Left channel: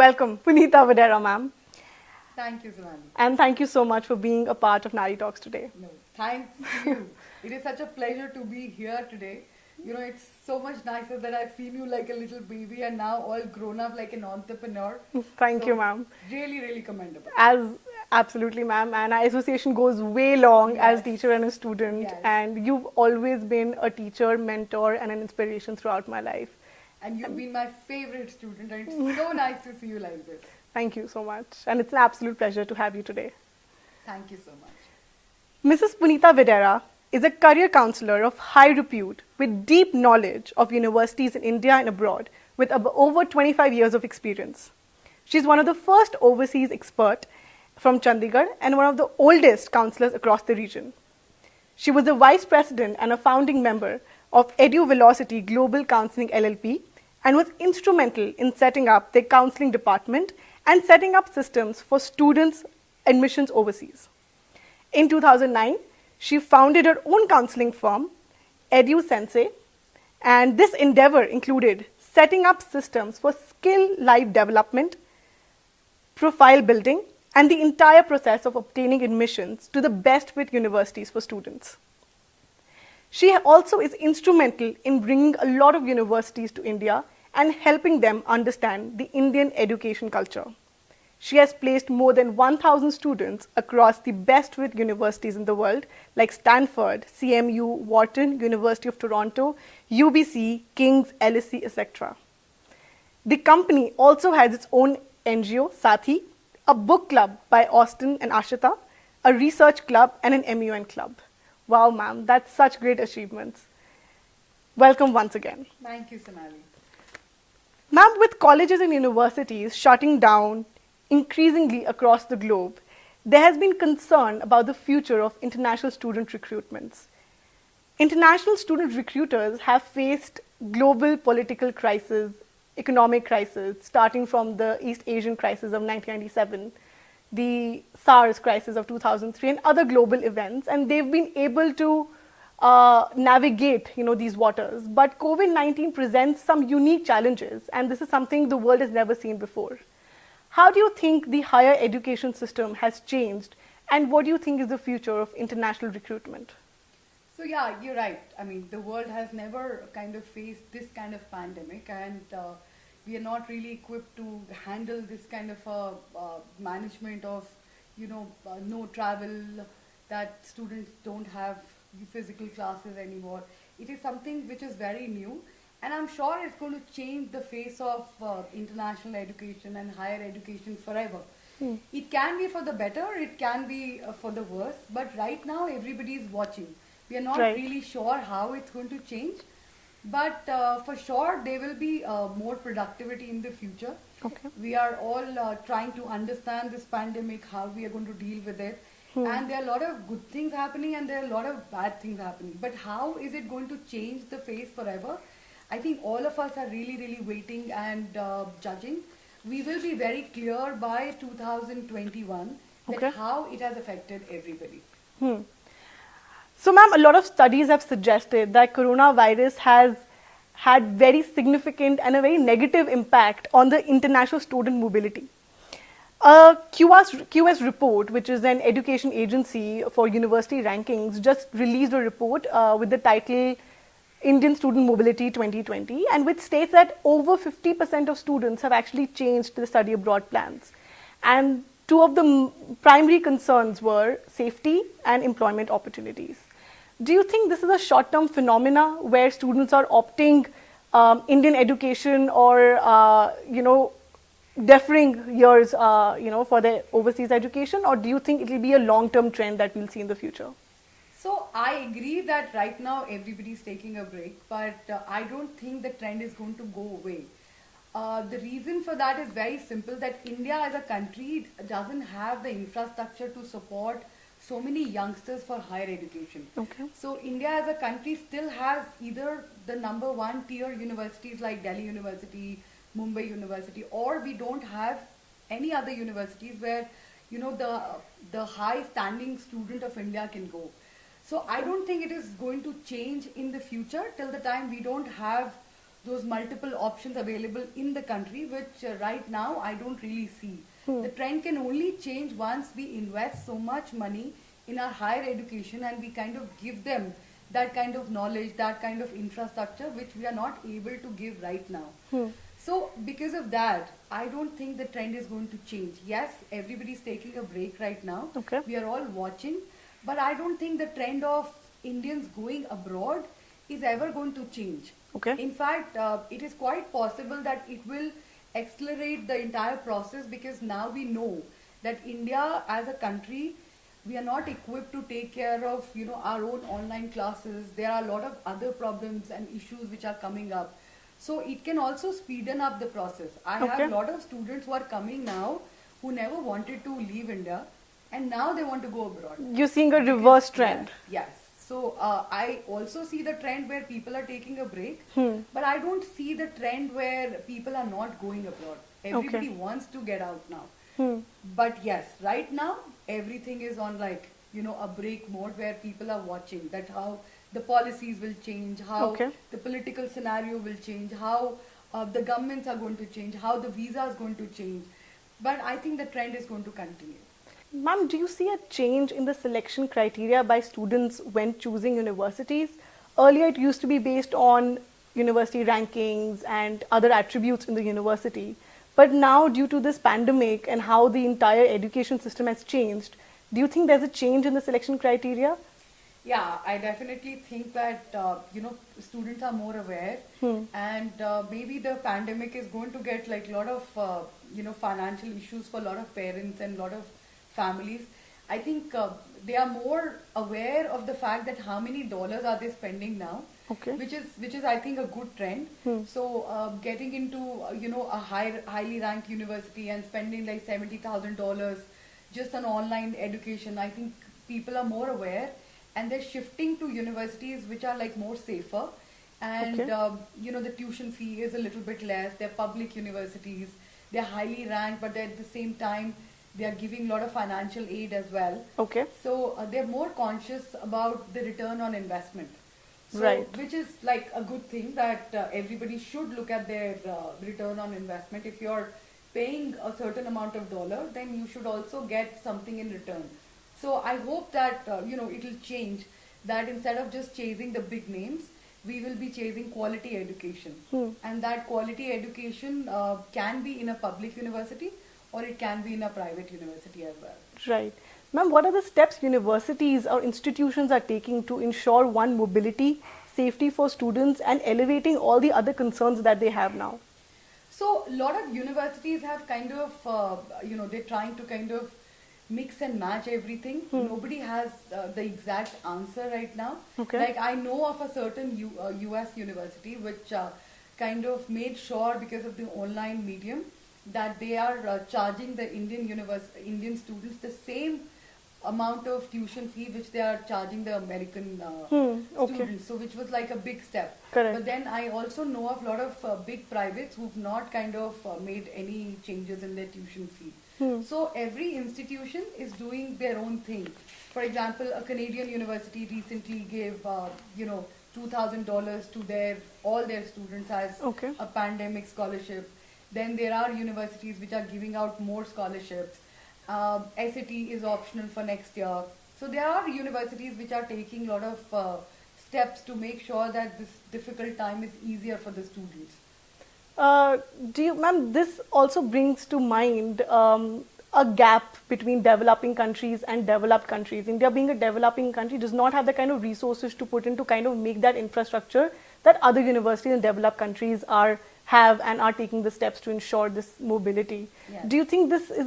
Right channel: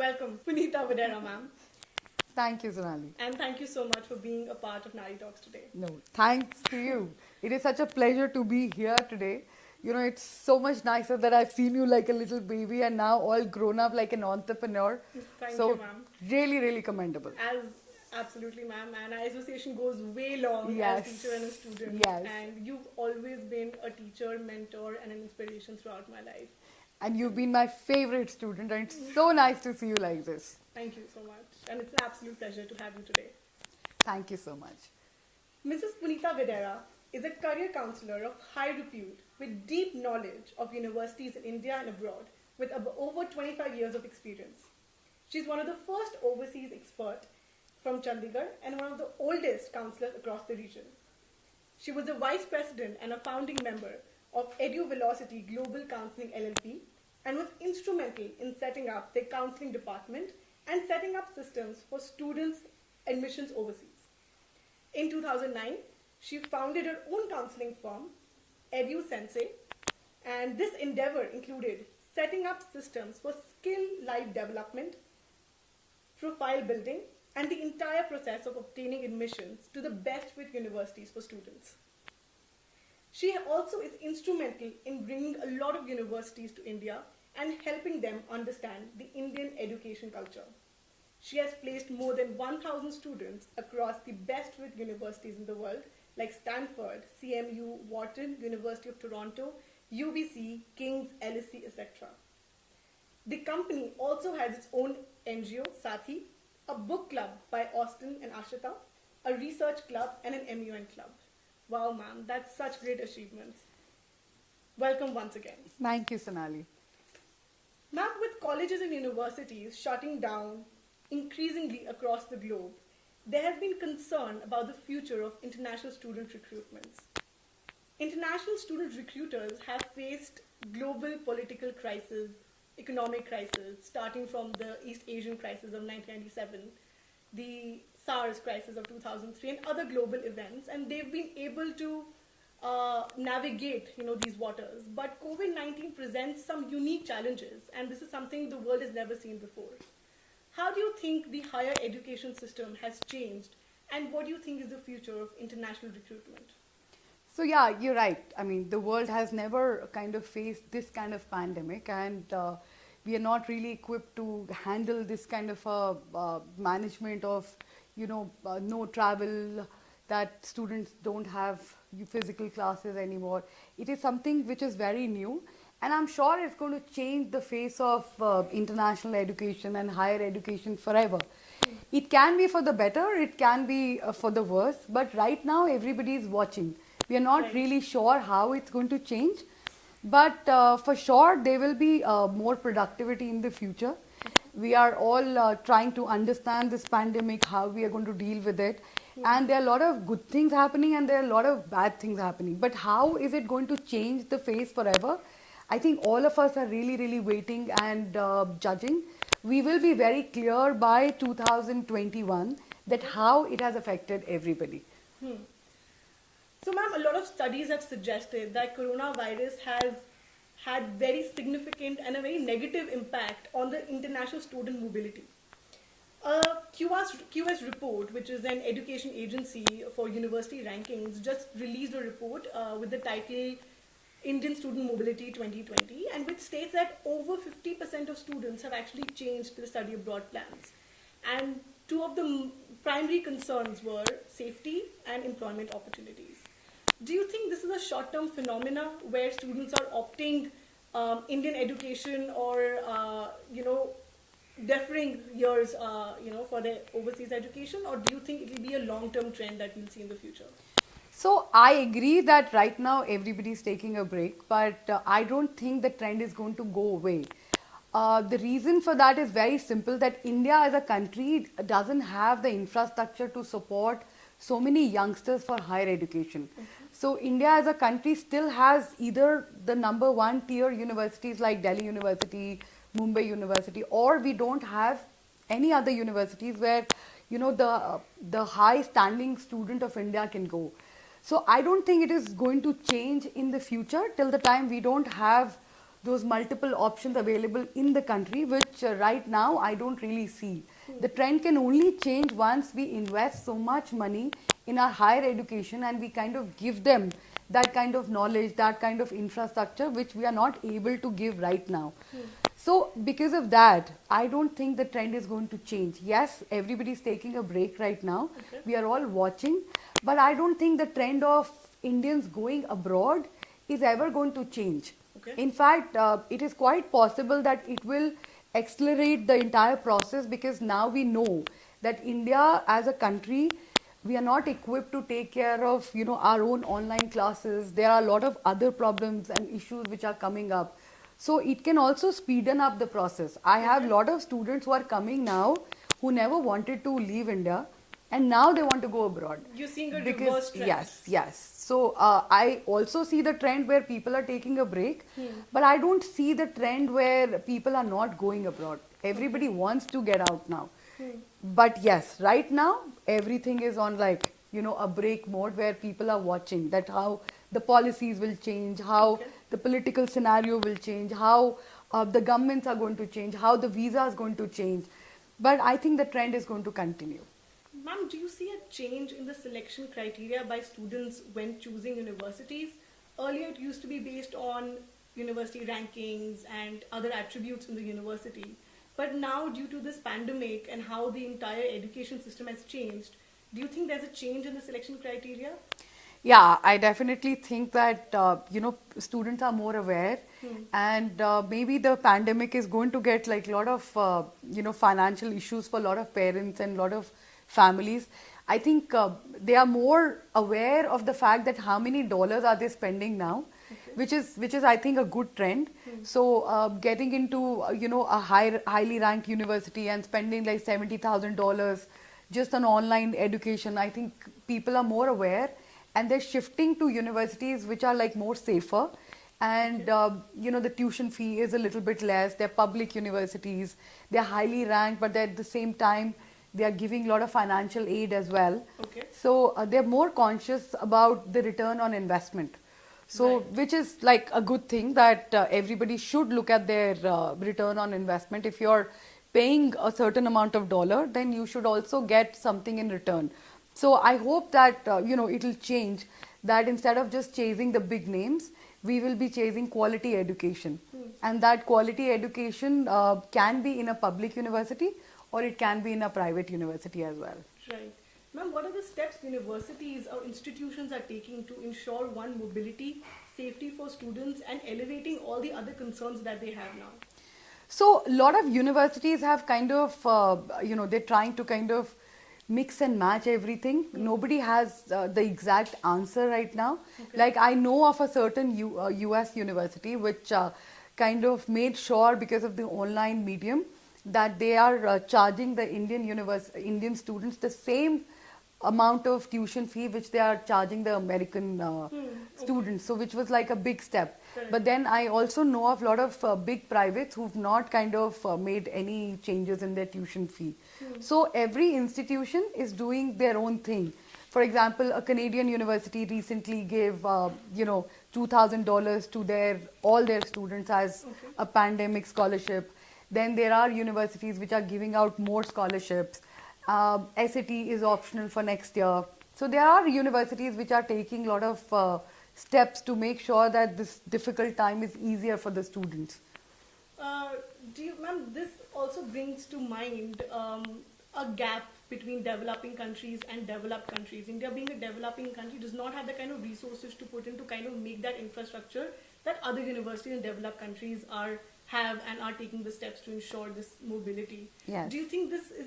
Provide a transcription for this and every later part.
welcome Punita Vadera, ma'am. Thank you, Sonali. And thank you so much for being a part of Nari Talks today. No, thanks to you. It is such a pleasure to be here today. You know, it's so much nicer that I've seen you like a little baby and now all grown up like an entrepreneur. Thank So, you, ma'am. Really, really commendable. As absolutely, ma'am, and our association goes way long as Yes. teacher and a student, Yes. and you've always been a teacher, mentor, and an inspiration throughout my life. And you've been my favorite student, and it's so nice to see you like this. Thank you so much, and it's an absolute pleasure to have you today. Thank you so much. Mrs. Punita Videra is a career counselor of high repute with deep knowledge of universities in India and abroad with over 25 years of experience. She's one of the first overseas expert from Chandigarh and one of the oldest counselors across the region. She was the vice president and a founding member of EduVelocity Global Counseling LLP and was instrumental in setting up their counseling department and setting up systems for students' admissions overseas. In 2009, she founded her own counseling firm, EduSensei, and this endeavor included setting up systems for skill life development, profile building, and the entire process of obtaining admissions to the best fit universities for students. She also is instrumental in bringing a lot of universities to India and helping them understand the Indian education culture. She has placed more than 1,000 students across the best fit universities in the world like Stanford, CMU, Wharton, University of Toronto, UBC, King's, LSE, etc. The company also has its own NGO, Sathi, a book club by Austin and Ashita, a research club, and an MUN club. Wow, ma'am, that's such great achievements. Welcome once again. Thank you, Sonali. Ma'am, with colleges and universities shutting down increasingly across the globe, there has been concern about the future of international student recruitments. International student recruiters have faced global political crisis, economic crisis, starting from the East Asian crisis of 1997, the SARS crisis of 2003, and other global events, and they've been able to navigate, these waters. But COVID-19 presents some unique challenges, and this is something the world has never seen before. How do you think the higher education system has changed, and what do you think is the future of international recruitment? So yeah, you're right. I mean, the world has never kind of faced this kind of pandemic, and we are not really equipped to handle this kind of management of, no travel, that students don't have physical classes anymore. It is something which is very new, and I'm sure it's going to change the face of international education and higher education forever. It can be for the better, it can be for the worse, but right now everybody is watching. We are not really sure how it's going to change, but for sure there will be more productivity in the future. Okay. We are all trying to understand this pandemic, how we are going to deal with it. And there are a lot of good things happening and there are a lot of bad things happening. But how is it going to change the face forever? I think all of us are really, really waiting and judging. We will be very clear by 2021 that how it has affected everybody. So, ma'am, a lot of studies have suggested that coronavirus has had very significant and a very negative impact on the international student mobility. QS report, which is an education agency for university rankings, just released a report with the title Indian Student Mobility 2020, and which states that over 50% of students have actually changed their study abroad plans. And two of the primary concerns were safety and employment opportunities. Do you think this is a short-term phenomena where students are opting Indian education or, deferring years, for their overseas education, or do you think it will be a long-term trend that we'll see in the future? So I agree that right now everybody is taking a break, but I don't think the trend is going to go away. The reason for that is very simple, that India as a country doesn't have the infrastructure to support so many youngsters for higher education. Okay. So India as a country still has either the number one tier universities like Delhi University, Mumbai University, or we don't have any other universities where the high standing student of India can go. So I don't think it is going to change in the future till the time we don't have those multiple options available in the country, which right now I don't really see. The trend can only change once we invest so much money in our higher education and we kind of give them that kind of knowledge, that kind of infrastructure, which we are not able to give right now. So because of that, I don't think the trend is going to change. Yes, everybody's taking a break right now. Okay. We are all watching, but I don't think the trend of Indians going abroad is ever going to change. Okay. In fact, it is quite possible that it will accelerate the entire process, because now we know that India as a country, we are not equipped to take care of our own online classes. There are a lot of other problems and issues which are coming up. So it can also speeden up the process. I have a Okay. lot of students who are coming now who never wanted to leave India, and now they want to go abroad. You're seeing a Because- reverse trend. Yes, yes. So I also see the trend where people are taking a break, but I don't see the trend where people are not going abroad. Everybody wants to get out now. But yes, right now everything is on a break mode where people are watching that how the policies will change, how Okay. the political scenario will change, how the governments are going to change, how the visa is going to change. But I think the trend is going to continue. Ma'am, do you see a change in the selection criteria by students when choosing universities? Earlier, it used to be based on university rankings and other attributes in the university. But now, due to this pandemic and how the entire education system has changed, do you think there's a change in the selection criteria? Yeah, I definitely think that students are more aware, and maybe the pandemic is going to get a lot of financial issues for a lot of parents and a lot of families. I think they are more aware of the fact that how many dollars are they spending now, Okay. which is I think a good trend. So getting into a highly ranked university and spending like $70,000 just on online education, I think people are more aware, and they're shifting to universities which are more safer, and Okay. the tuition fee is a little bit less. They're public universities, they're highly ranked, but at the same time they are giving a lot of financial aid as well. Okay. So they're more conscious about the return on investment. So, Right. which is a good thing, that everybody should look at their return on investment. If you're paying a certain amount of dollar, then you should also get something in return. So I hope that it'll change, that instead of just chasing the big names, we will be chasing quality education, and that quality education can be in a public university, or it can be in a private university as well. Right. Ma'am, what are the steps universities or institutions are taking to ensure one, mobility, safety for students, and elevating all the other concerns that they have now? So a lot of universities have kind of, they're trying to kind of mix and match everything. Nobody has the exact answer right now. Okay. Like I know of a certain US university which kind of made sure, because of the online medium, that they are charging the Indian students the same amount of tuition fee which they are charging the American Okay. students. So which was like a big step. Correct. But then I also know of a lot of big privates who've not kind of made any changes in their tuition fee. So every institution is doing their own thing. For example, a Canadian university recently gave $2,000 to all their students as Okay. a pandemic scholarship. Then there are universities which are giving out more scholarships. SAT is optional for next year. So there are universities which are taking a lot of steps to make sure that this difficult time is easier for the students. Ma'am, this also brings to mind a gap between developing countries and developed countries. India, being a developing country, does not have the kind of resources to put in to kind of make that infrastructure that other universities in developed countries have and are taking the steps to ensure this mobility. Yes. Do you think this is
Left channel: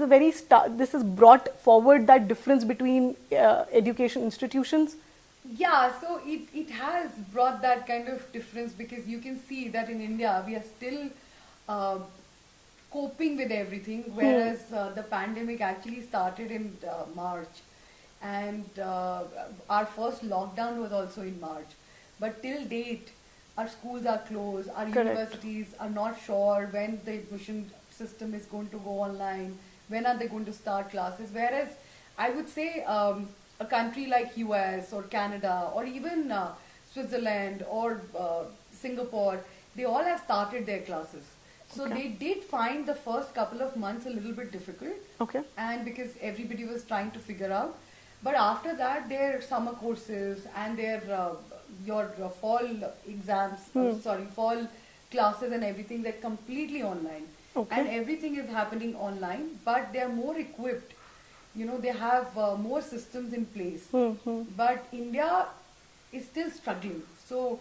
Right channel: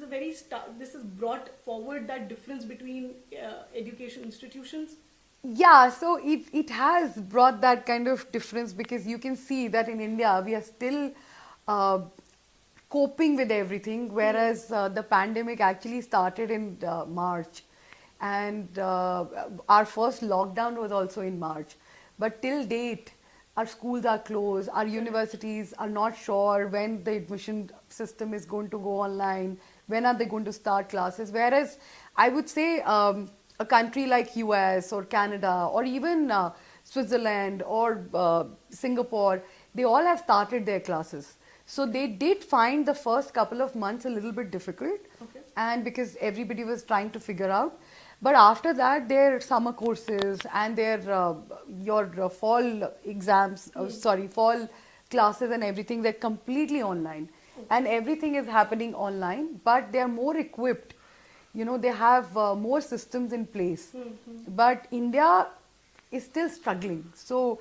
this has brought forward that difference between education institutions? Yeah, so it has brought that kind of difference, because you can see that in India we are still coping with everything, whereas the pandemic actually started in March, and our first lockdown was also in March. But till date, our schools are closed, our Correct. universities are not sure when the admission system is going to go online, when are they going to start classes, whereas I would say a country like US or Canada or even Switzerland or Singapore, they all have started their classes. So they did find the first couple of months a little bit difficult. Okay. And because everybody was trying to figure out. But after that, their summer courses and their your fall exams, fall classes and everything, they're completely online. Okay. And everything is happening online, but they're more equipped. You know, they have more systems in place. But India is still struggling. So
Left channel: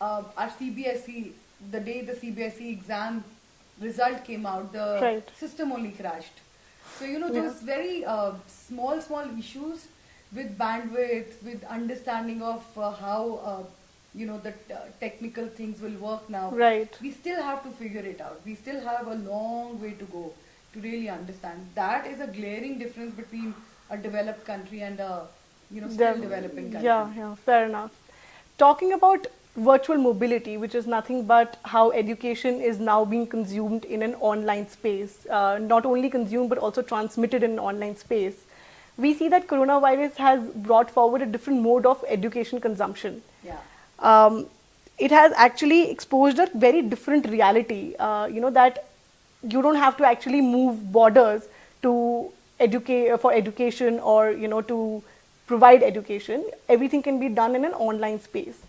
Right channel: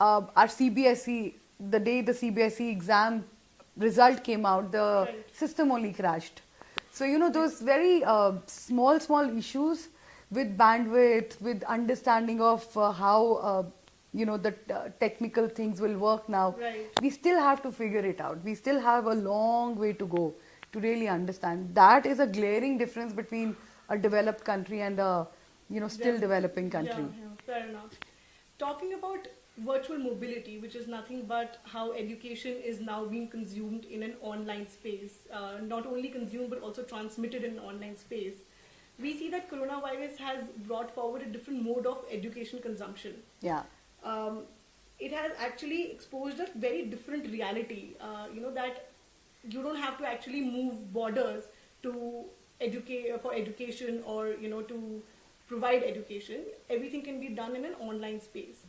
our CBSE, the day the CBSE exam result came out, the Right. system only crashed. So, you know, those very small issues with bandwidth, with understanding of how, you know, the technical things will work now. Right. We still have to figure it out. We still have a long way to go to really understand. That is a glaring difference between a developed country and a, you know, still developing country. Yeah, fair enough. Talking about virtual mobility, which is nothing but how education is now being consumed in an online space, not only consumed but also transmitted in an online space. We see that coronavirus has brought forward a different mode of education consumption. Yeah. It has actually exposed a very different reality, you know, that you don't have to actually move borders to educate for education, or, you know, to provide education. Everything can be done in an online space.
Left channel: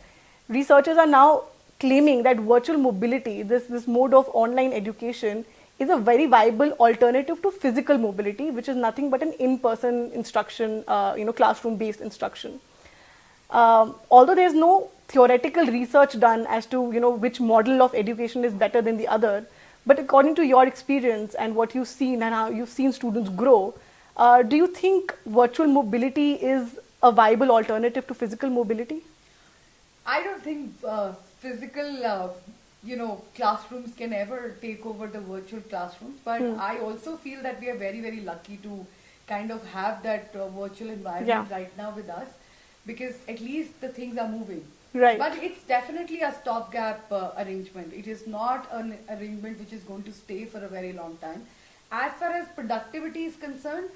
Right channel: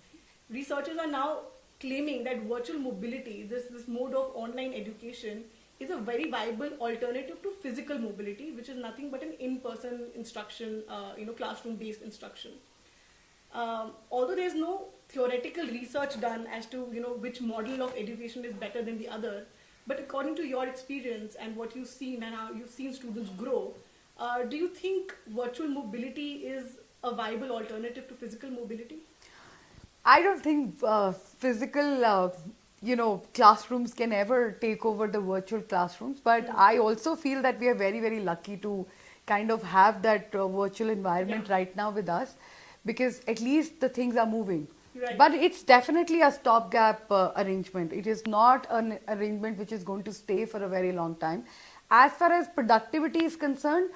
Researchers are now claiming that virtual mobility, this mode of online education, is a very viable alternative to physical mobility, which is nothing but an in-person instruction, you know, classroom-based instruction. Although there's no theoretical research done as to, you know, which model of education is better than the other, but according to your experience and what you've seen and how you've seen students grow, do you think virtual mobility is a viable alternative to physical mobility? I don't think physical, you know, classrooms can ever take over the virtual classrooms. But I also feel that we are very, very lucky to kind of have that virtual environment right now with us, because at least the things are moving. Right. But it's definitely a stopgap arrangement. It is not an arrangement which is going to stay for a very long time. As far as productivity is concerned,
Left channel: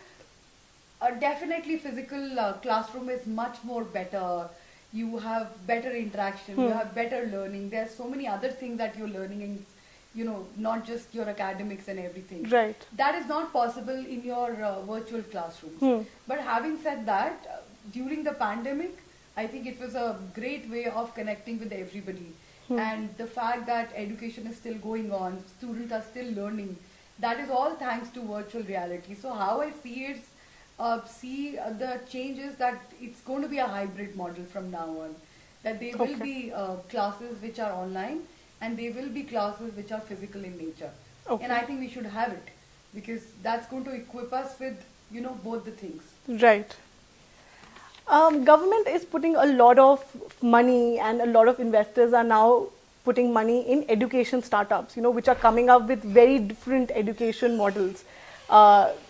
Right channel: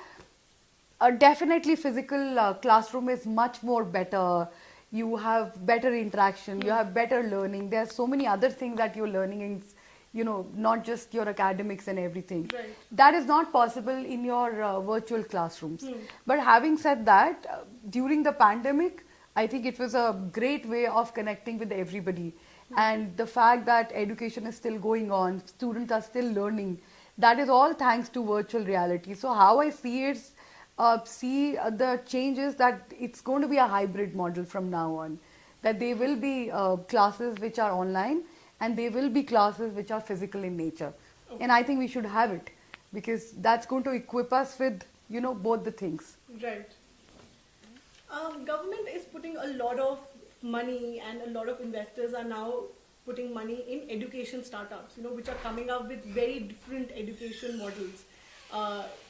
definitely physical classroom is much more better. You have better interaction, you have better learning. There are so many other things that you're learning in, you know, not just your academics and everything. Right. That is not possible in your virtual classrooms. But having said that, during the pandemic, I think it was a great way of connecting with everybody. And the fact that education is still going on, students are still learning, that is all thanks to virtual reality. So how I see it, the changes that it's going to be a hybrid model from now on. That there will be classes which are online, and there will be classes which are physical in nature. And I think we should have it, because that's going to equip us with, you know, both the things. Right. Government is putting a lot of money, and a lot of investors are now putting money in education startups, you know, which are coming up with very different education models,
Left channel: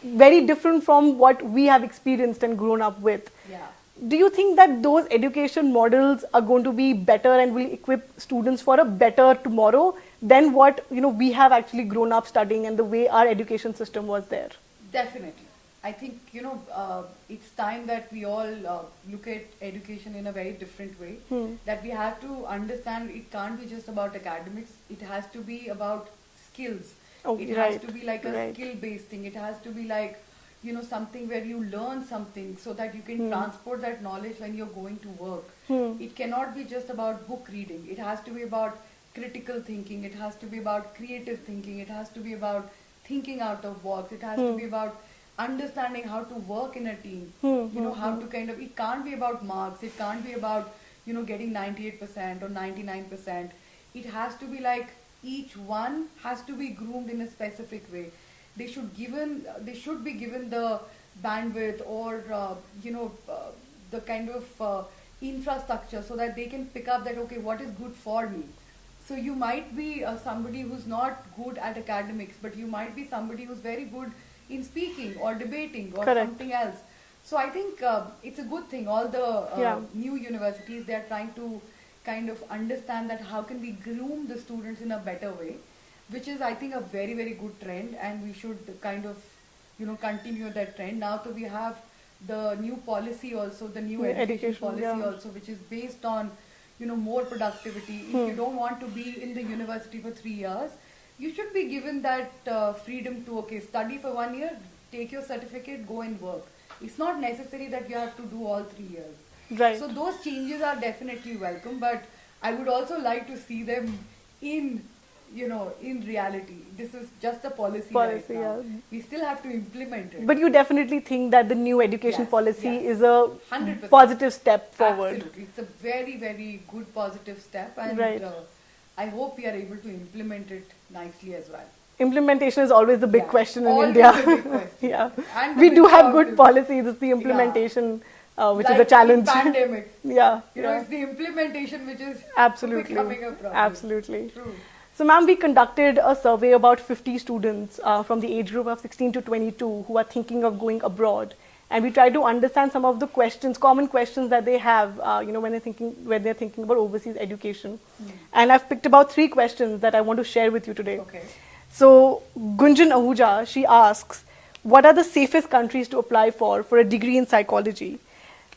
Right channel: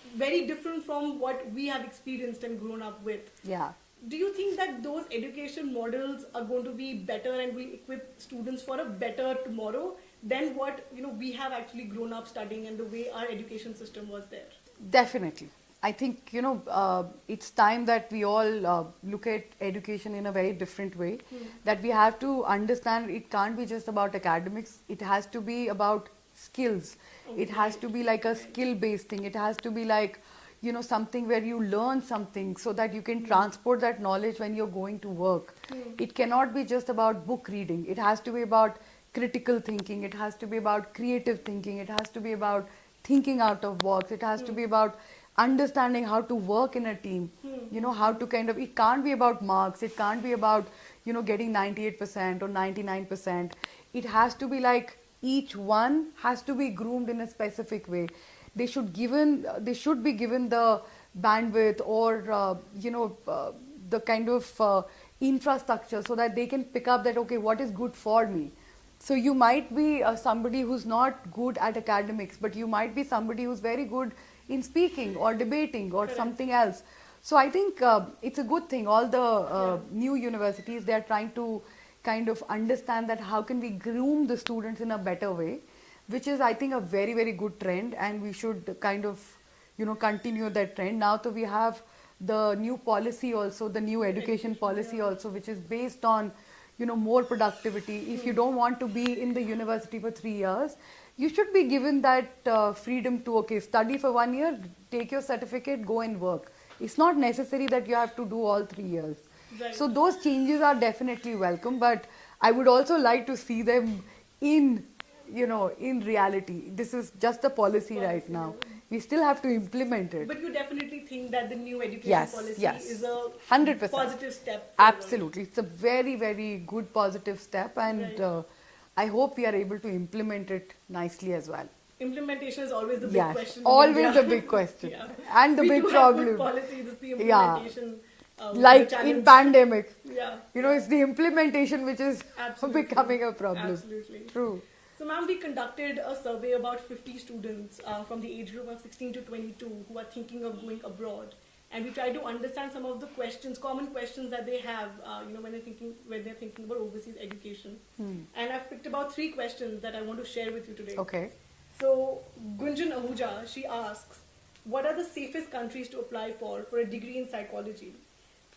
very different from what we have experienced and grown up with. Yeah. Do you think that those education models are going to be better and will equip students for a better tomorrow than what, you know, we have actually grown up studying and the way our education system was there? Definitely. I think, you know, it's time that we all look at education in a very different way. That we have to understand it can't be just about academics. It has to be about skills. It has to be like a skill-based thing. It has to be like, you know, something where you learn something so that you can transport that knowledge when you're going to work. It cannot be just about book reading. It has to be about critical thinking. It has to be about creative thinking. It has to be about thinking out of box. It has to be about understanding how to work in a team. You know, how to kind of, it can't be about marks. It can't be about, you know, getting 98% or 99%. It has to be like, each one has to be groomed in a specific way. They should be given the bandwidth or you know, the kind of infrastructure so that they can pick up that, okay, what is good for me. So you might be somebody who's not good at academics, but you might be somebody who's very good in speaking or debating or something else. So I think it's a good thing. All the new universities, they're trying to kind of understand that how can we groom the students in a better way, which is, I think, a very, very good trend, and we should kind of, you know, continue that trend. Now that we have the new policy also, the new education policy also, which is based on, more productivity. If you don't want to be in the university for 3 years, you should be given that freedom to, okay, study for 1 year, take your certificate, go and work. It's not necessary that you have to do all 3 years. Right. So those changes are definitely welcome, but I would also like to see them in reality. This is just a policy right now. yeah. We still have to implement it. But you definitely think that the new education Yes, policy yes. is a 100%. positive step forward. Absolutely. It's a very, very good positive step, and Right. I hope we are able to implement it nicely as well. Implementation is always the big Yeah, question in always India. the big question. Yeah. And the We big do have problem. good policies, it's the implementation which is Like a challenge. in pandemic. Yeah. It's the implementation which is Absolutely. becoming a problem. Absolutely. True. So, ma'am, we conducted a survey about 50 students from the age group of 16 to 22 who are thinking of going abroad, and we tried to understand some of the questions, common questions that they have, when they're thinking about overseas education. And I've picked about 3 questions that I want to share with you today. Okay. So, Gunjan Ahuja, she asks, what are the safest countries to apply for a degree in psychology?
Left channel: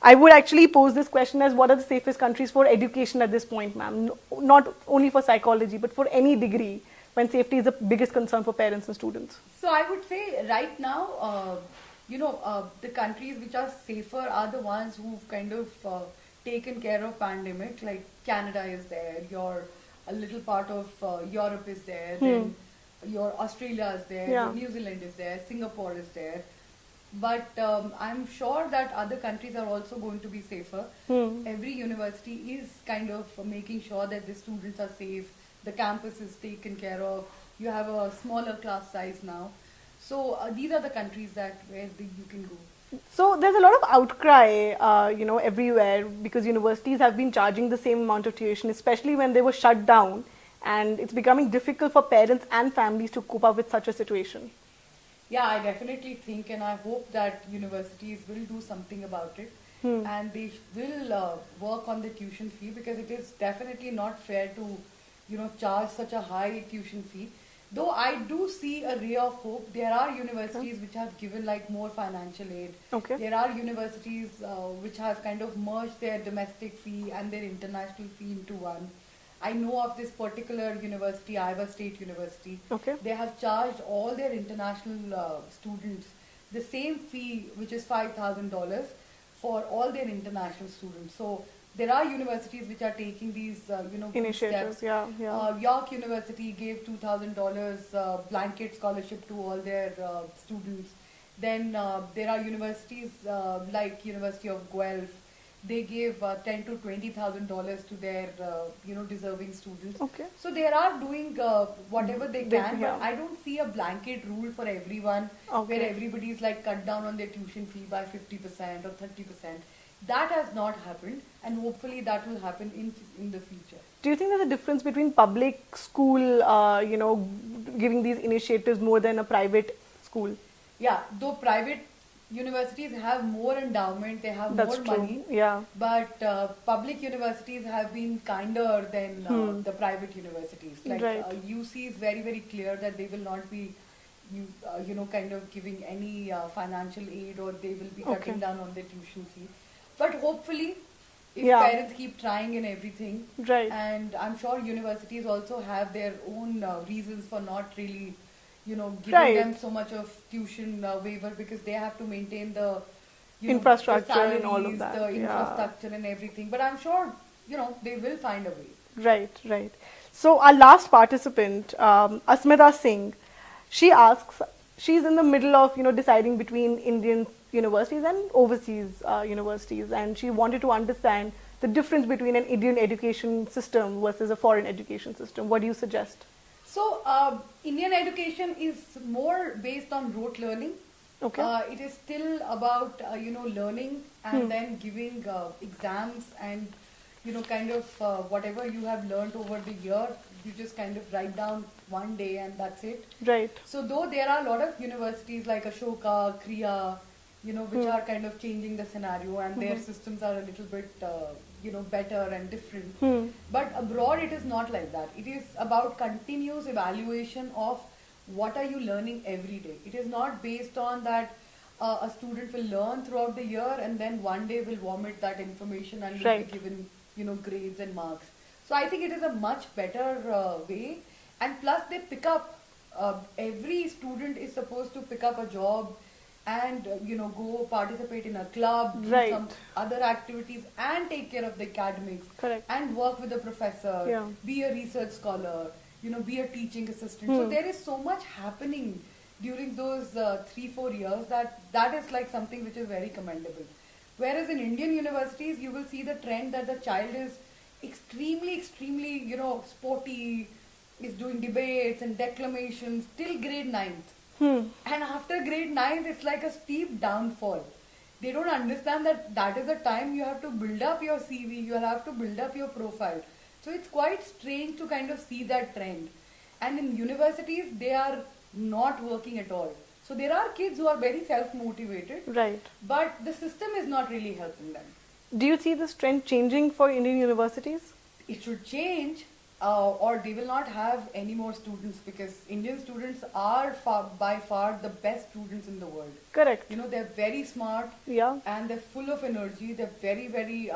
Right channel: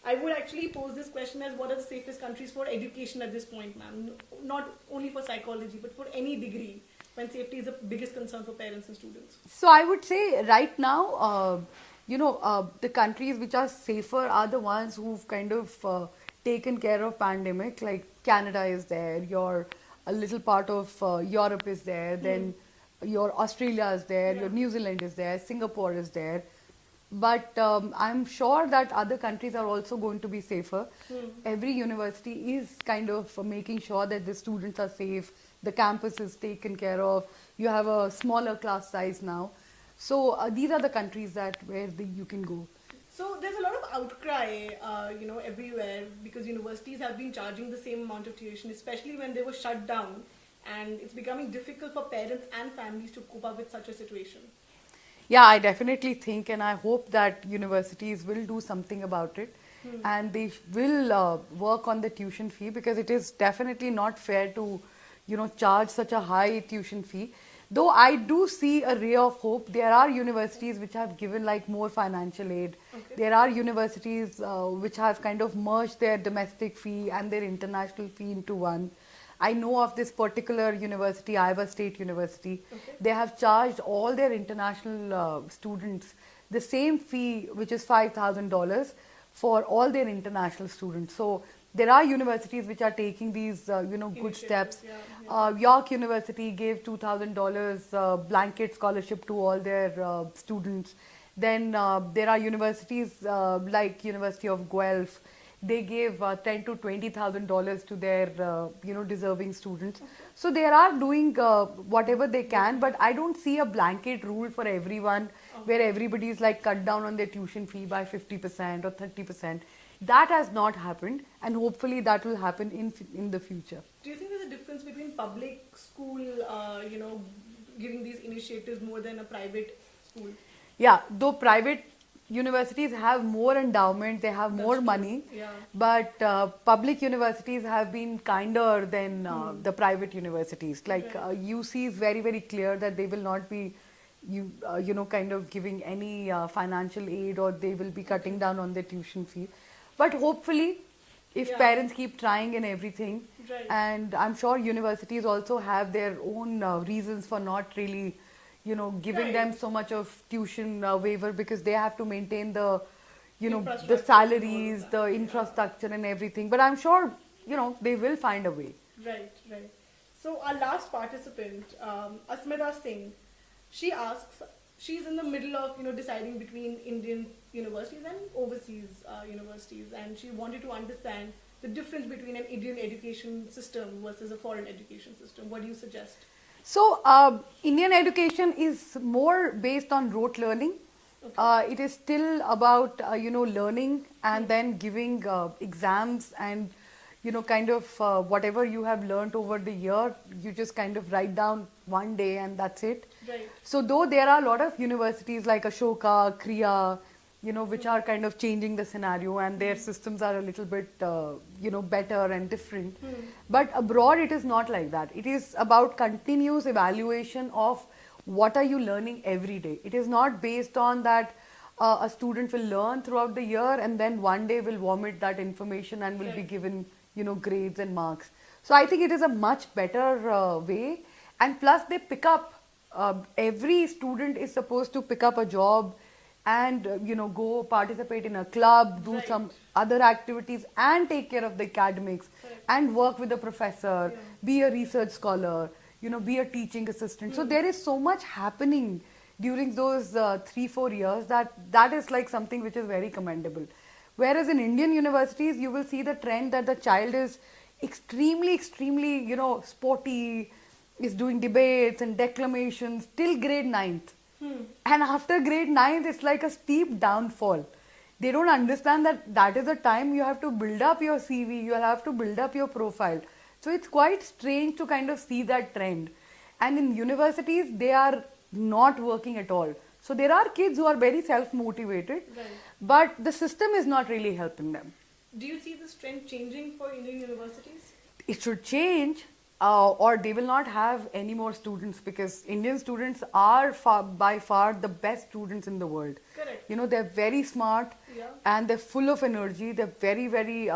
I would actually pose this question as, what are the safest countries for education at this point, ma'am? Not only for psychology, but for any degree, when safety is the biggest concern for parents and students. So I would say right now, the countries which are safer are the ones who've kind of taken care of pandemic. Like Canada is there, a little part of Europe is there, then your Australia is there, Yeah. your New Zealand is there, Singapore is there. But I'm sure that other countries are also going to be safer. Every university is kind of making sure that the students are safe, the campus is taken care of, you have a smaller class size now. So these are the countries where you can go. So there's a lot of outcry, everywhere, because universities have been charging the same amount of tuition, especially when they were shut down, and it's becoming difficult for parents and families to cope up with such a situation. Yeah, I definitely think, and I hope that universities will do something about it, and they will work on the tuition fee, because it is definitely not fair to, charge such a high tuition fee. Though I do see a ray of hope. There are universities which have given like more financial aid. Okay. There are universities which have kind of merged their domestic fee and their international fee into one. I know of this particular university, Iowa State University. Okay. They have charged all their international students the same fee, which is $5,000 for all their international students. So there are universities which are taking these, good Initiatives, steps. yeah. York University gave $2,000 blanket scholarship to all their students. Then there are universities like University of Guelph. They gave $10,000 to $20,000 to their deserving students. Okay. So they are doing whatever they can, but yeah. I don't see a blanket rule for everyone where everybody is like cut down on their tuition fee by 50% or 30%. That has not happened, and hopefully that will happen in the future. Do you think there's a difference between public school, giving these initiatives more than a private school? Yeah, though private universities have more endowment, they have That's more true. money, Yeah. but public universities have been kinder than the private universities. Like Right. UC is very, very clear that they will not be kind of giving any financial aid, or they will be cutting down on their tuition fee. But hopefully, if Yeah. parents keep trying and everything, Right. and I'm sure universities also have their own reasons for not really, giving Right. them so much of tuition waiver, because they have to maintain the, the Infrastructure salaries, and all of that, the yeah. infrastructure and everything. But I'm sure, they will find a way. Right, right. So our last participant, Asmita Singh, she asks, she's in the middle of, deciding between Indian universities and overseas universities, and she wanted to understand the difference between an Indian education system versus a foreign education system. What do you suggest? So, Indian education is more based on rote learning. Okay. It is still about, learning and then giving exams and, kind of whatever you have learned over the year, you just kind of write down one day and that's it. Right. So, though there are a lot of universities like Ashoka, Kriya, which are kind of changing the scenario, and their systems are a little bit, better and different. But abroad, it is not like that. It is about continuous evaluation of what are you learning every day. It is not based on that a student will learn throughout the year and then one day will vomit that information and will Right. be given grades and marks. So I think it is a much better way. And plus they pick up, every student is supposed to pick up a job and go participate in a club, do Right. some other activities and take care of the academics. Correct. And work with a professor, Yeah. be a research scholar, be a teaching assistant. So there is so much happening during those 3-4 years that is like something which is very commendable. Whereas in Indian universities, you will see the trend that the child is extremely, extremely, sporty, is doing debates and declamations till grade 9th. And after grade 9th, it's like a steep downfall. They don't understand that is a time you have to build up your CV, you have to build up your profile. So it's quite strange to kind of see that trend. And in universities, they are not working at all. So there are kids who are very self-motivated, Right. but the system is not really helping them. Do you see this trend changing for Indian universities? It should change, or they will not have any more students, because Indian students are by far the best students in the world. Correct. They're very smart, Yeah. and they're full of energy. They're very, very,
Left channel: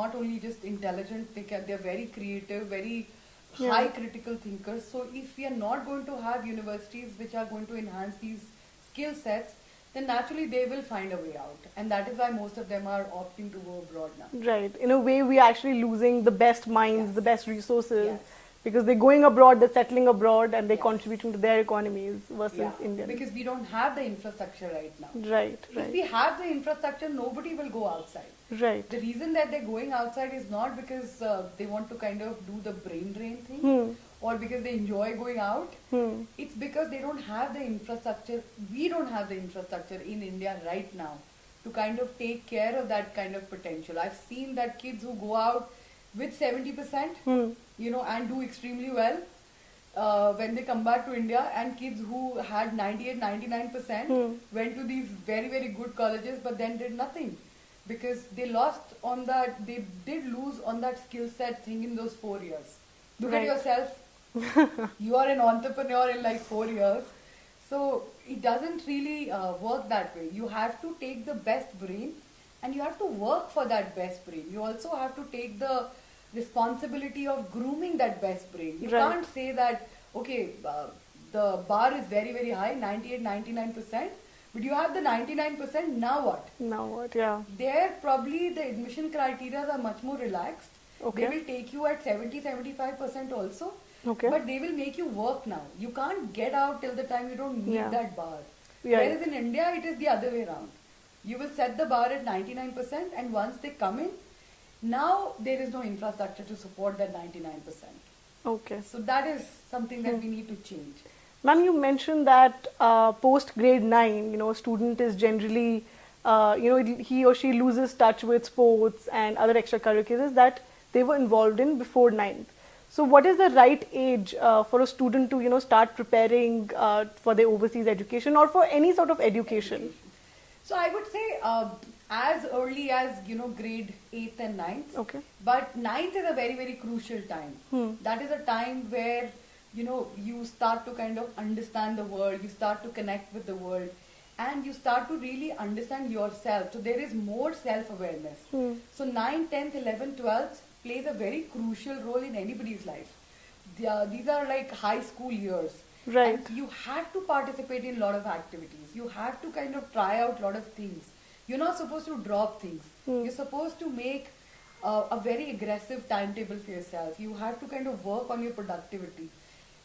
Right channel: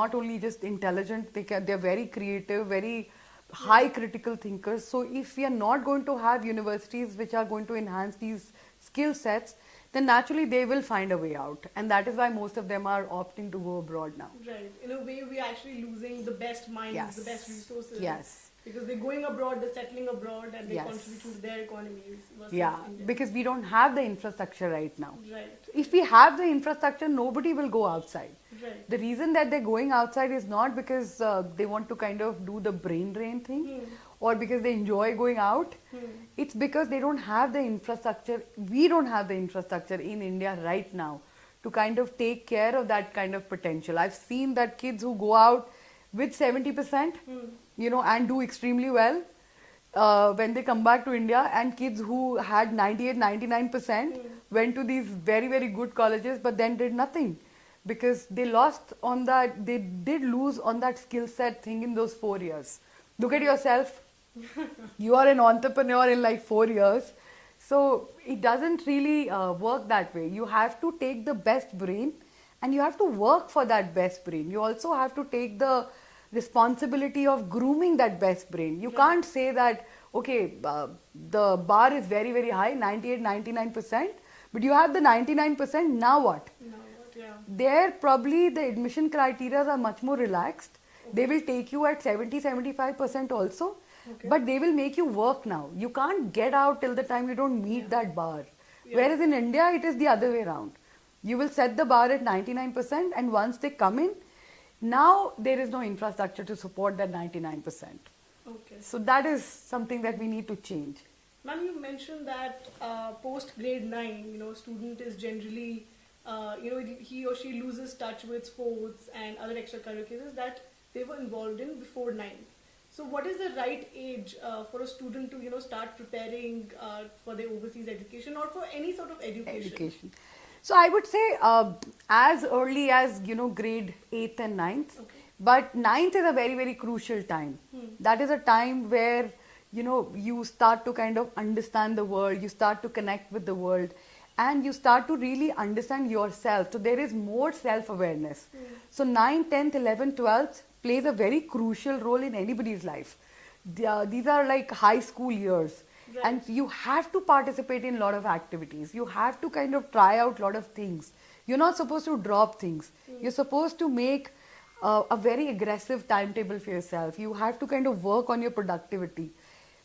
not only just intelligent, they're very creative, very high critical thinkers. So if we are not going to have universities which are going to enhance these skill sets, then naturally they will find a way out. And that is why most of them are opting to go abroad now. Right. In a way, we are actually losing the best minds, Yes. the best resources. Yes. Because they're going abroad, they're settling abroad, and they're Yes. contributing to their economies versus India. Because we don't have the infrastructure right now. Right. If we have the infrastructure, nobody will go outside. Right. The reason that they're going outside is not because they want to kind of do the brain drain thing or because they enjoy going out. It's because they don't have the infrastructure. We don't have the infrastructure in India right now to kind of take care of that kind of potential. I've seen that kids who go out with 70%, and do extremely well when they come back to India, and kids who had 98, 99% went to these very, very good colleges but then did nothing. Because they lost on that, they did lose on that skill set thing in those 4 years. Look at Right. yourself. You are an entrepreneur in like 4 years. So it doesn't really work that way. You have to take the best brain and you have to work for that best brain. You also have to take the responsibility of grooming that best brain. You Right. can't say that, okay, the bar is very, very high, 98, 99%, but you have the 99%, now what? Now what? Yeah. There probably the admission criteria are much more relaxed. Okay. They will take you at 70, 75% also. Okay. But they will make you work now. You can't get out till the time you don't meet Yeah. that bar. Yeah. Whereas in India, it is the other way around. You will set the bar at 99%, and once they come in, now there is no infrastructure to support that 99%. Okay. So that is something that we need to change. Ma'am, you mentioned that post grade 9, a student is generally, he or she loses touch with sports and other extracurriculars that they were involved in before 9th. So what is the right age for a student to, start preparing for their overseas education or for any sort of education? So I would say as early as, grade 8th and 9th. Okay. But 9th is a very, very crucial time. That is a time where, you start to kind of understand the world, you start to connect with the world, and you start to really understand yourself. So there is more self-awareness. So 9th, 10th, 11th, 12th plays a very crucial role in anybody's life. These are like high school years. Right. And you have to participate in a lot of activities. You have to kind of try out a lot of things. You're not supposed to drop things. You're supposed to make a very aggressive timetable for yourself. You have to kind of work on your productivity,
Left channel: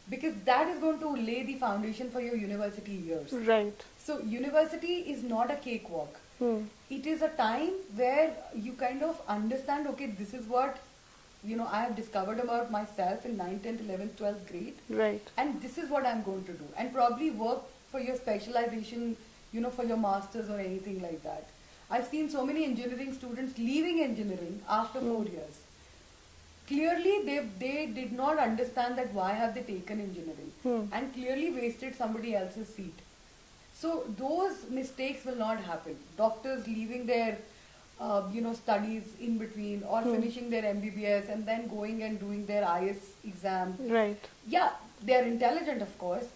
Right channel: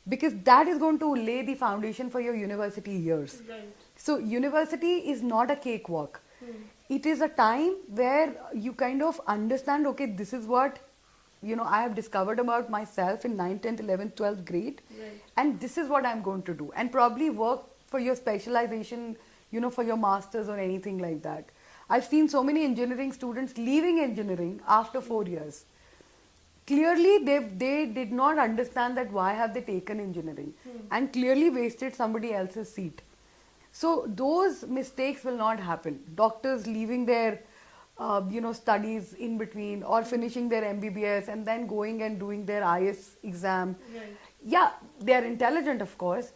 because that is going to lay the foundation for your university years. Right. So university is not a cakewalk. It is a time where you kind of understand, okay, this is what I have discovered about myself in 9th, 10th, 11th, 12th grade. Right. And this is what I'm going to do. And probably work for your specialization, for your masters or anything like that. I've seen so many engineering students leaving engineering after 4 years. Clearly, they did not understand that why have they taken engineering and clearly wasted somebody else's seat. So those mistakes will not happen. Doctors leaving their studies in between or finishing their MBBS and then going and doing their IS exam. Right. Yeah, they are intelligent, of course,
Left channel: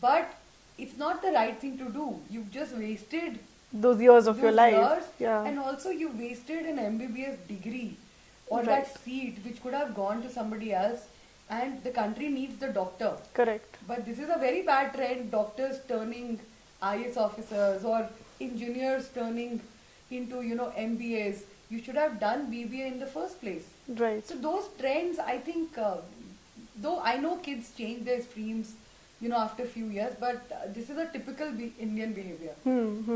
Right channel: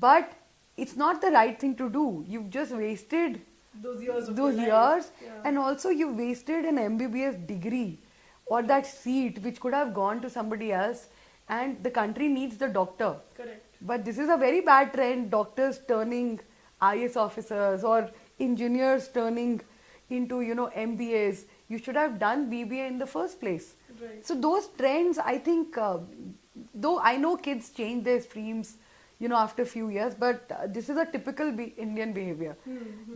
but it's not the right thing to do. You've just wasted Those years of your those life. years, Yeah. and also you wasted an MBBS degree or that Right. seat which could have gone to somebody else, and the country needs the doctor. Correct. But this is a very bad trend, doctors turning IS officers or engineers turning into, MBAs. You should have done BBA in the first place. Right. So those trends, I think, though I know kids change their streams, after a few years, but this is a typical Indian behavior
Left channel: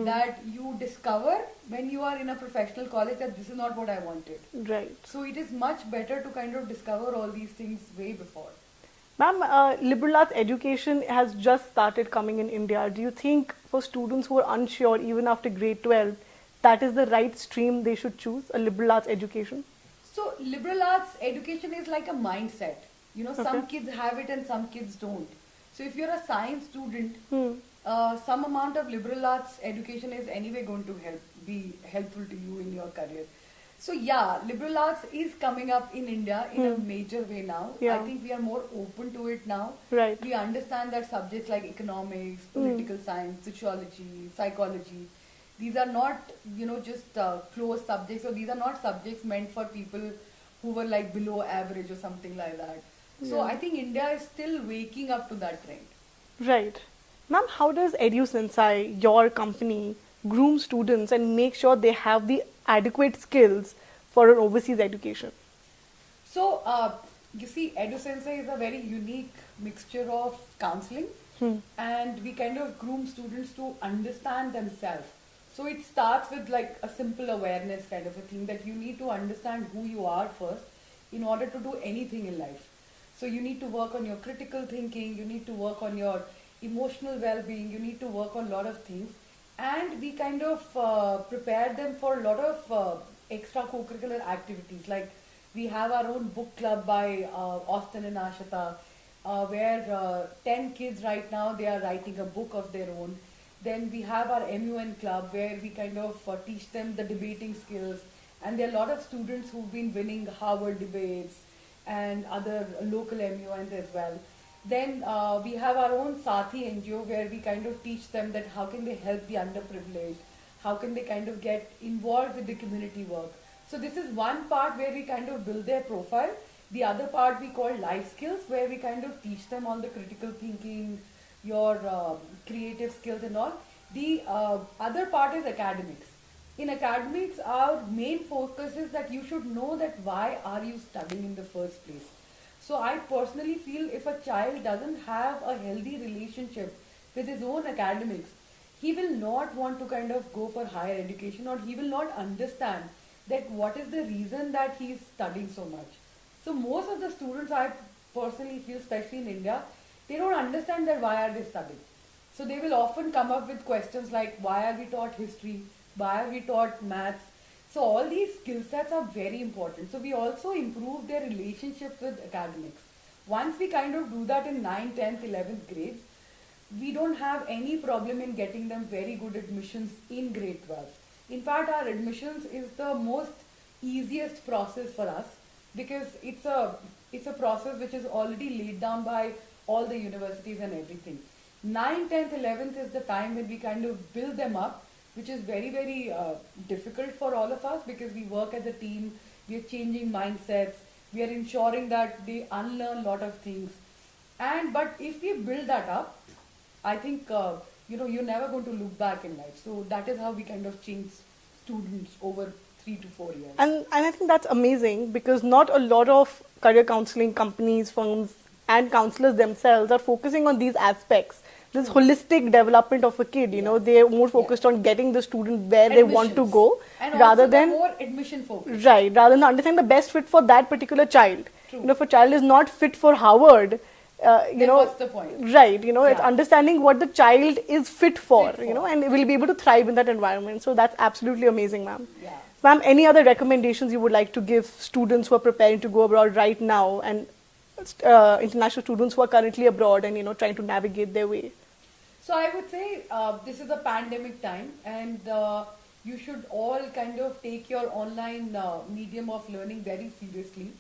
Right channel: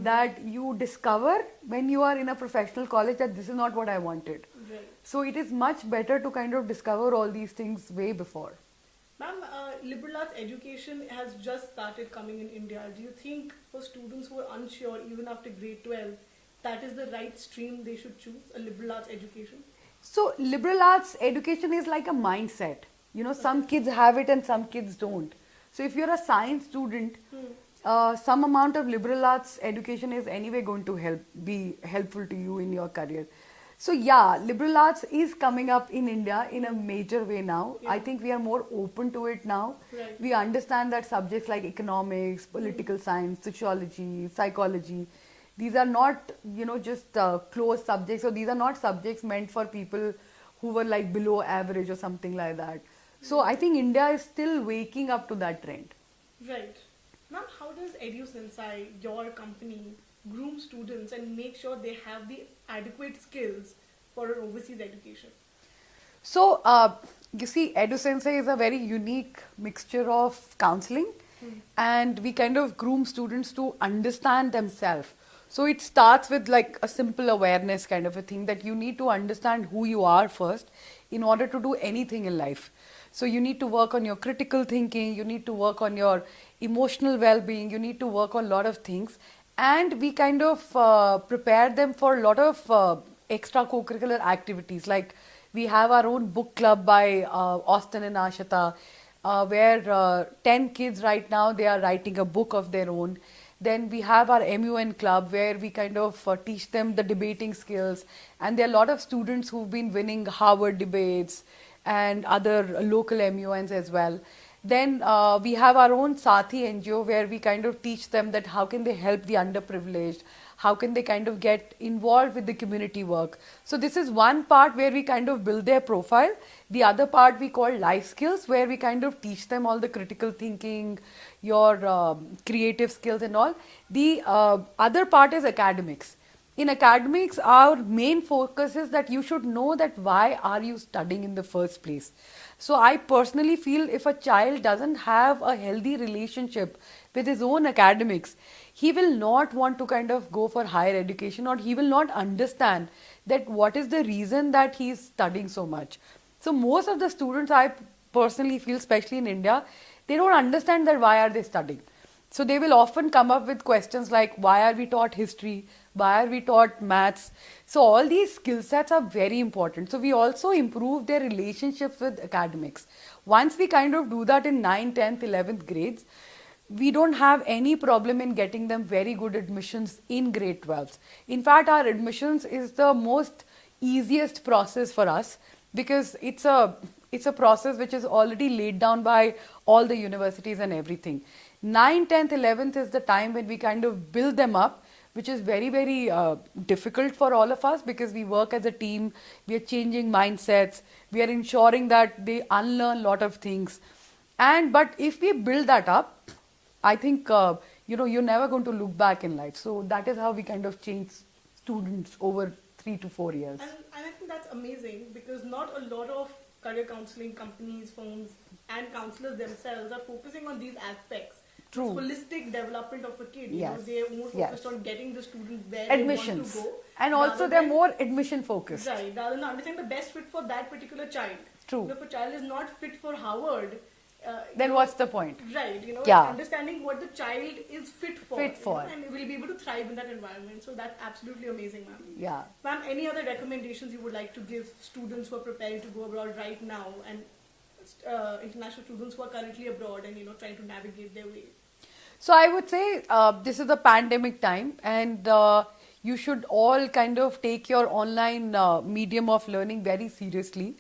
that you discover when you are in a professional college that this is not what I wanted. Right. So it is much better to kind of discover all these things way before. Ma'am, liberal arts education has just started coming in India. Do you think for students who are unsure even after grade 12, that is the right stream they should choose, a liberal arts education? So liberal arts education is like a mindset. Some kids have it and some kids don't. So if you're a science student, some amount of liberal arts education is anyway going to be helpful to you in your career. So yeah, liberal arts is coming up in India in a major way now. Yeah. I think we are more open to it now. Right. We understand that subjects like economics, political science, sociology, psychology, these are not, just closed subjects, or these are not subjects meant for people who were like below average or something like that. So I think India is still waking up to that trend. Right. Ma'am, how does EduSensei, your company, groom students and make sure they have the adequate skills for an overseas education? So, you see, EduSensei is a very unique mixture of counseling and we kind of groom students to understand themselves. So it starts with like a simple awareness kind of a thing, that you need to understand who you are first in order to do anything in life. So you need to work on your critical thinking, you need to work on your emotional well-being, you need to work on a lot of things. And we kind of prepare them for a lot of extra co-curricular activities. Like we have our own book club by Austin and Ashita, where 10 kids right now, they are writing a book of their own. Then we have our MUN club where we kind of teach them the debating skills. And there are a lot of students who've been winning Harvard debates and other local MUNs as well. Then we have our own Sathi NGO where we kind of teach them that how can they help the underprivileged, how can they kind of get involved with the community work. So this is one part where we kind of build their profile. The other part we call life skills, where we kind of teach them all the critical thinking, your creative skills and all. The other part is academics. In academics, our main focus is that you should know that why are you studying in the first place. So I personally feel if a child doesn't have a healthy relationship with his own academics, he will not want to kind of go for higher education, or he will not understand that what is the reason that he is studying so much. So most of the students, I personally feel, especially in India, they don't understand that why are they studying. So they will often come up with questions like, why are we taught history? Why are we taught maths? So all these skill sets are very important. So we also improve their relationships with academics. Once we kind of do that in 9th, 10th, 11th grades, we don't have any problem in getting them very good admissions in grade 12s. In fact, our admissions is the most easiest process for us, because it's a process which is already laid down by all the universities and everything. 9th, 10th, 11th is the time when we kind of build them up, which is very, very difficult for all of us, because we work as a team, we are changing mindsets, we are ensuring that they unlearn a lot of things. But if we build that up, I think, you're never going to look back in life. So that is how we kind of change students over 3 to 4 years. And I think that's amazing, because not a lot of career counseling companies, firms, and counselors themselves are focusing on these aspects. This holistic development of a kid, they're more focused on getting the student where they want to go, and rather also they're than more admission focused. Right, rather than understanding the best fit for that particular child. True. If a child is not fit for Harvard, then what's the point? Right, it's understanding what the child is fit for, and will be able to thrive in that environment. So that's absolutely amazing, ma'am. Yeah. Ma'am, any other recommendations you would like to give students who are preparing to go abroad right now, and international students who are currently abroad and trying to navigate their way? So I would say this is a pandemic time, and you should all kind of take your online medium of learning very seriously,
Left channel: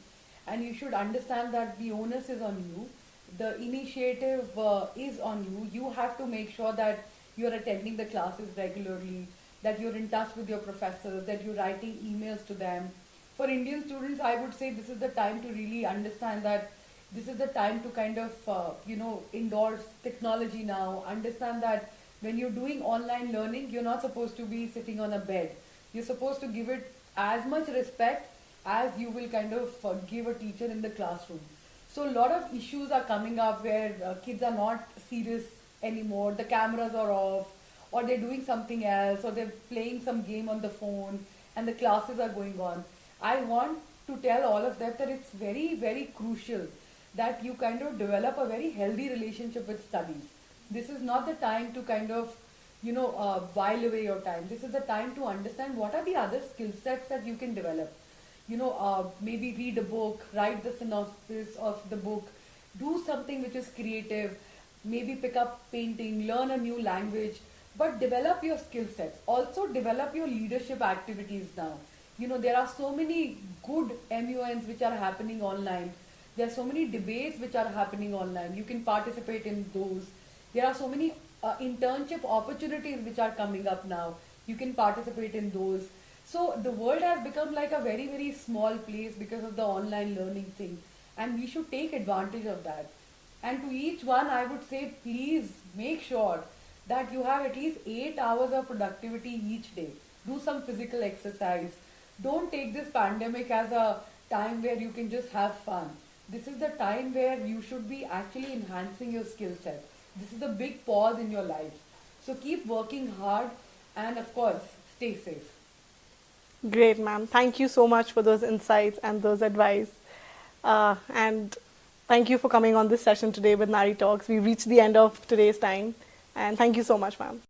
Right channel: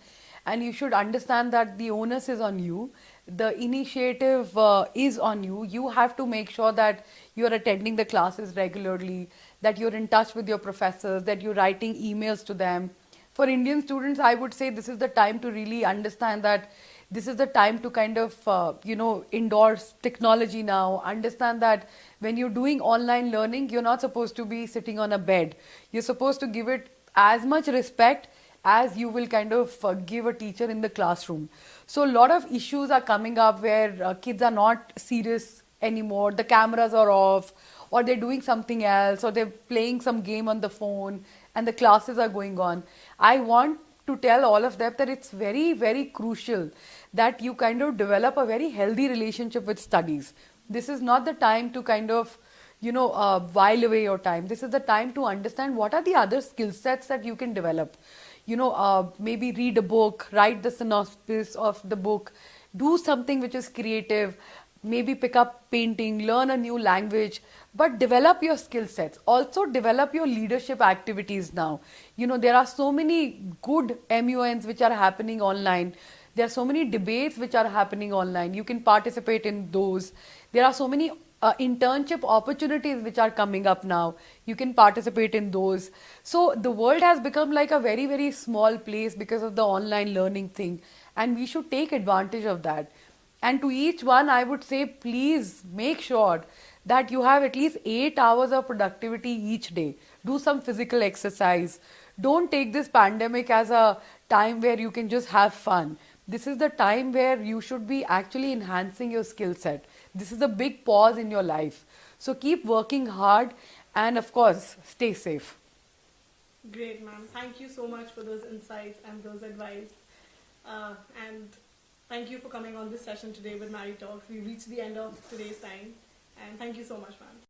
and you should understand that the onus is on you. The initiative is on you. You have to make sure that you're attending the classes regularly, that you're in touch with your professors, that you're writing emails to them. for Indian students, I would say this is the time to really understand that this is the time to kind of, endorse technology now. Understand that when you're doing online learning, you're not supposed to be sitting on a bed. You're supposed to give it as much respect as you will kind of give a teacher in the classroom. So a lot of issues are coming up where kids are not serious anymore. The cameras are off, or they're doing something else, or they're playing some game on the phone, and the classes are going on. I want to tell all of them that it's very, very crucial that you kind of develop a very healthy relationship with studies. This is not the time to kind of, while away your time. This is the time to understand what are the other skill sets that you can develop. Maybe read a book, write the synopsis of the book, do something which is creative, maybe pick up painting, learn a new language, but develop your skill sets. Also develop your leadership activities now. There are so many good MUNs which are happening online. There are so many debates which are happening online. You can participate in those. There are so many internship opportunities which are coming up now. You can participate in those. So the world has become like a very, very small place because of the online learning thing. And we should take advantage of that. And to each one, I would say, please make sure that you have at least 8 hours of productivity each day. Do some physical exercise. Don't take this pandemic as a time where you can just have fun. This is the time where you should be actually enhancing your skill set. This is a big pause in your life. So keep working hard and, of course, stay safe. Great, ma'am. Thank you so much for those insights and those advice. And thank you for coming on this session today with Nari Talks. We've reached the end of today's time. And thank you so much, ma'am.